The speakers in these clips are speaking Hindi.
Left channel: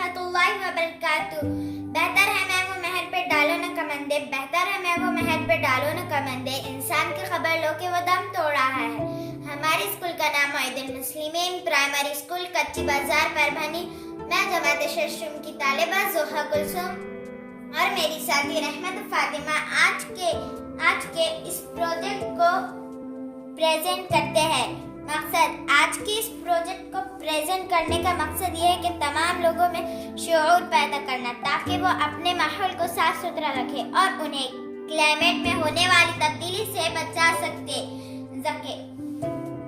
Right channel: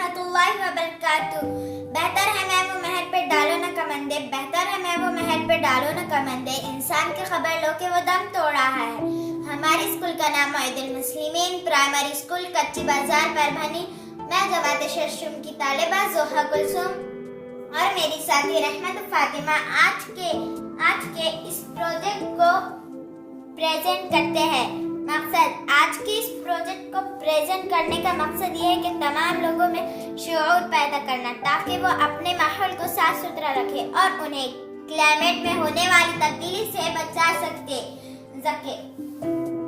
रहमतुल्लाहि व बरकातुहू। बेहतर है मैं वो महल पे डालो न कमंदे, बेहतर है मैं वो महल पे डालो न कमंदे, इंसान की खबर लो के वो दम तोड़ रहा है। हमारे स्कूल का नाम मोइनुल मुस्लिमीन प्राइमरी स्कूल, कच्ची बाजार, परभनी। मैं जमात शशम की तालिबा जोहा कुलसुम और मेरी साथी रहमत फातिमा आज के इस प्रोजेक्ट को प्रेजेंट करते हैं। आज के इस प्रोजेक्ट को प्रेजेंट करने का मकसद ये है कि तमाम लोगों में शऊर पैदा करना, ताकि वो अपने माहौल को साफ सुथरा रखे और उन्हें क्लाइमेट में होने वाली तब्दीली से बचा सके।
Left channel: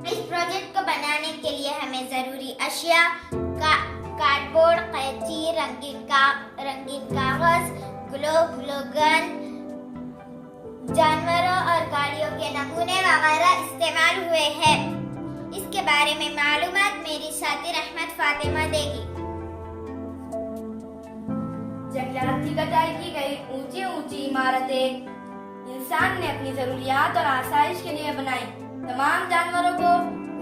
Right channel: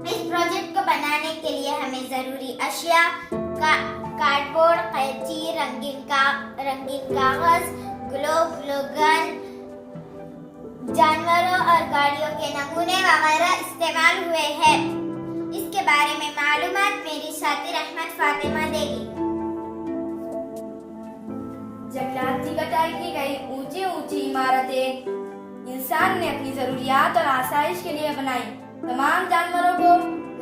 इस प्रोजेक्ट को बनाने के लिए हमें जरूरी अशिया कार्डबोर्ड, कैंची, रंगीन कागज, ग्लू गन, जानवरों और गाड़ियों के नमूने वगैरह इस्तेमाल हुए हैं। इसके बारे में मालूमात मेरी साथी रहमत फातिमा देगी। जंगलात की कटाई की गई ऊंची ऊंची इमारतें इंसान ने अपनी जरूरियात और आसाइश के लिए बनाई। तमाम जानवरों को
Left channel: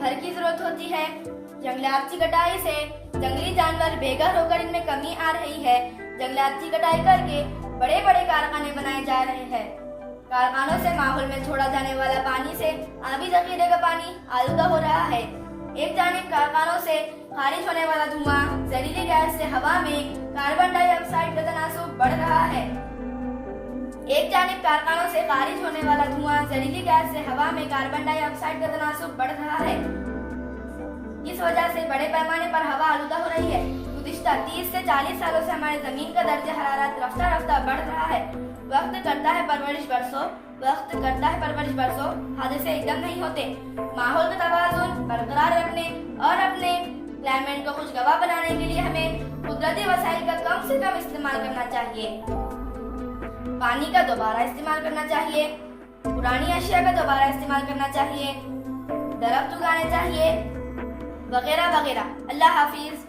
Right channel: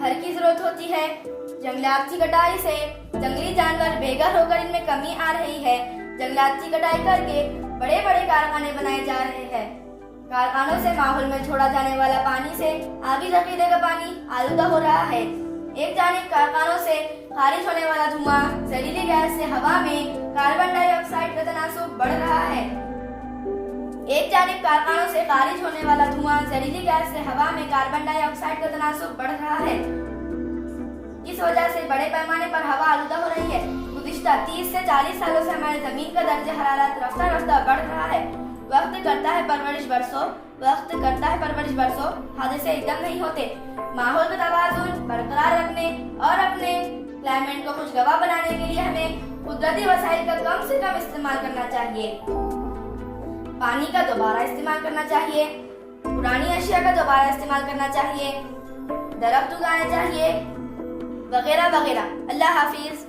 घर की जरूरत होती है। जंगलात की कटाई से जंगली जानवर बेघर होकर इनमें कमी आ रही है। जंगलात की कटाई करके बड़े बड़े कारखाने बनाए जा रहे हैं। कारखानों से माहौल में छोड़ा जाने वाला पानी से आबी जखीरे का पानी आलूदा हो रहा है। एक जानिब कारखानों से खारिज होने वाला धुआं जहरीली गैस से हवा में कार्बन डाइऑक्साइड का तनासुब बढ़ रहा है। एक जानिब कारखानों से खारिज होने वाला धुआं जहरीली गैस से हवा में कार्बन डाइऑक्साइड का तनासुब बढ़ रहा है। इस वजह से बड़े पैमाने पर हवा आलूदा हो रही है। गुज़िश्ता 30 से 40 सालों से हमारे जमीन का दर्जा हरारत रफ्ता रफ्ता बढ़ रहा है। वक्त करता है परवरिश बरसों, हादसे एकदम नहीं होते। माहौल का तवाज़ुन बरकरार रखने और अपने क्लाइमेट को खुशगवार बनाने के लिए हमें कुदरती वसाइल का कम से कम इस्तेमाल करना चाहिए। पानी का दोबारा इस्तेमाल करना चाहिए, पुरानी अशिया का दोबारा इस्तेमाल करना चाहिए, दरख्त उगाने चाहिए, वगैरह वगैरह। अल्लाह हाफिज।